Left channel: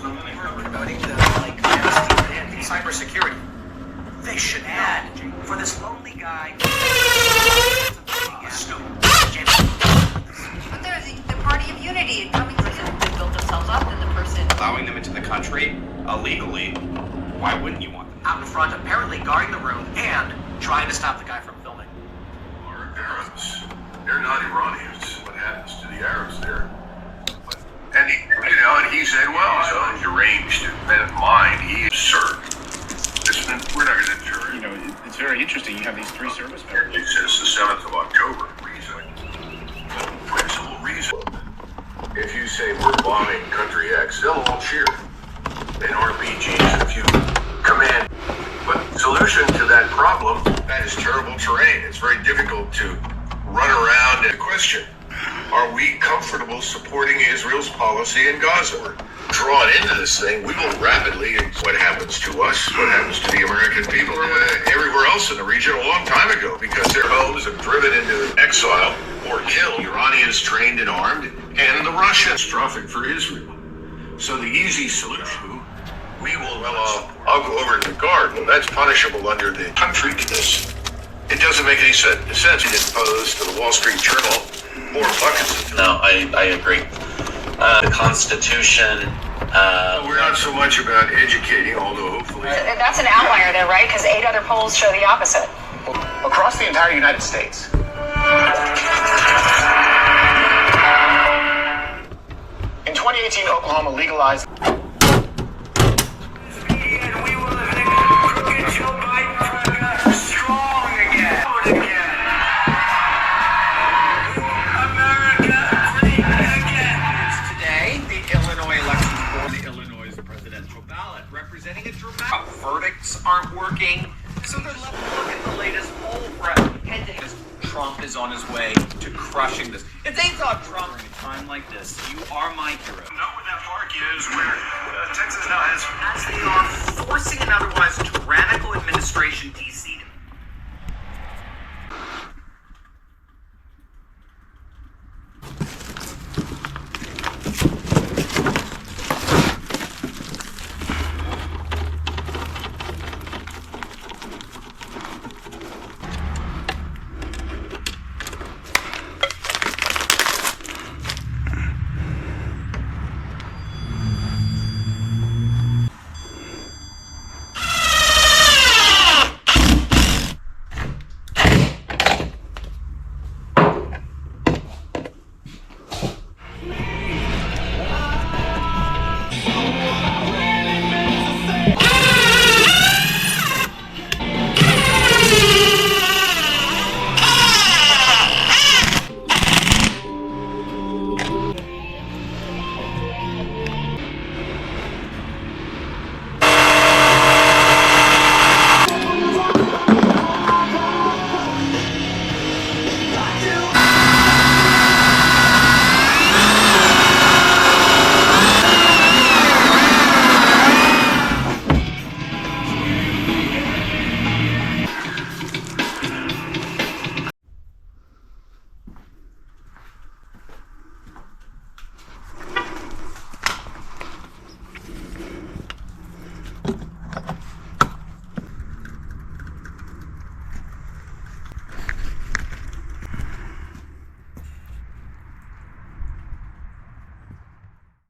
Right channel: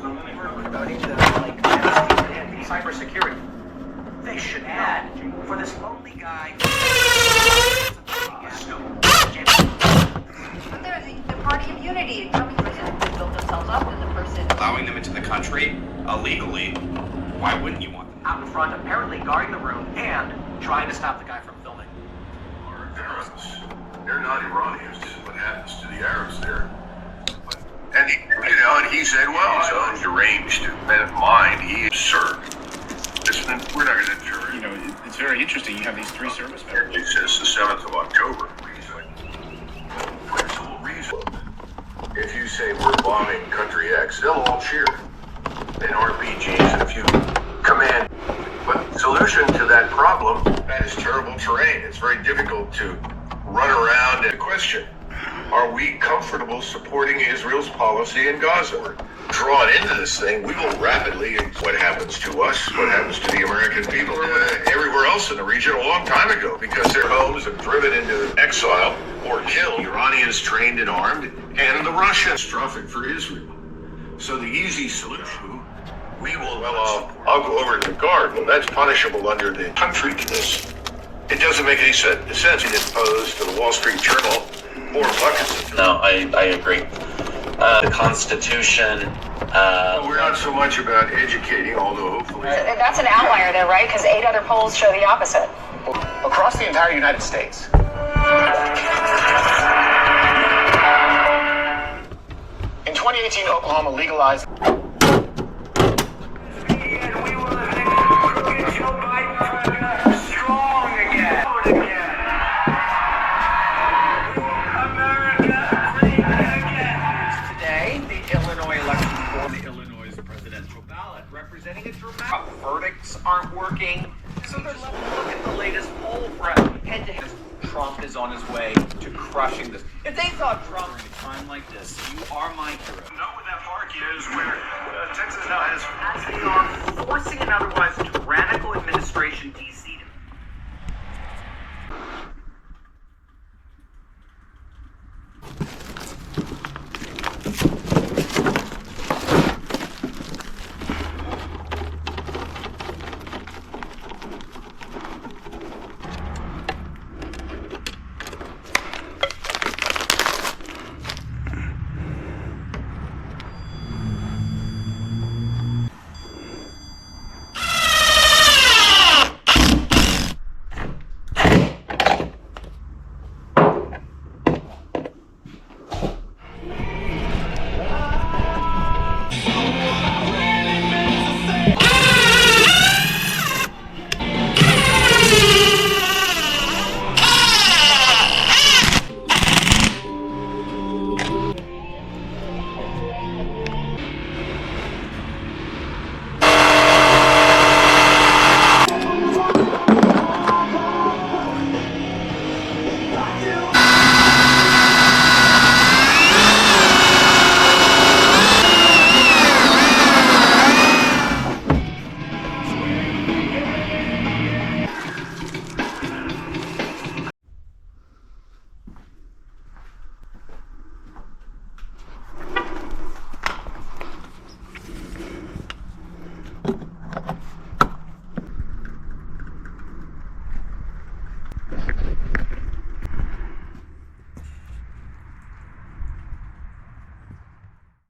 Promoting the amnesty and cybersecurity. They should add for this lonely guy. But there's the party of unity and coming prison. They build themselves up, and the person allowing them into the country illegally. Why wouldn't you want them out in front, apparently guarding the room and trying to stop the guy from filming? Our Arabs, they're not Iranians. What happens to the Arabs there? And he said, well, his own deranged mind, he is absurd. We're not going to jury. It's very interesting. You have these three service members. It says the 7th of October. Principal reason. If you say we're bombing country X, they'll all cheer. And RPGs and a few command. But solution to that problem, that is terrible terrain. It's very difficult to run around and question. Are we comfortable supporting Israel's policy in Gaza? We're drawn into this thing. We will rapidly, what happens to us, what happens to the American people, everywhere else in the region a long time ago, because their homes have driven into exile or killed Iranians trained and armed, and the Russians. Catastrophic for Israel. So the easy solution, we will, I'll go over to the guard. Well, that's punishable under the country to this. It doesn't make any sense. It imposed to the Wall Street Journal more buckets. No, I agree. The Constitution. We're not so much about educating, although hopefully. That's an outlier, though, right? Because 8 other polls show the opposite. Across the entire United States. In 2018, Oklahoma legalized. Representing a dramatic verdicts aren't working, so they're left to look at the latest poll for head-to-head. Trump is on his way to crushing this. If they thought Trump in a time like this, you are my hero. Know where that park is, where Texas now has. As they are forcing an otherwise tyrannical administration to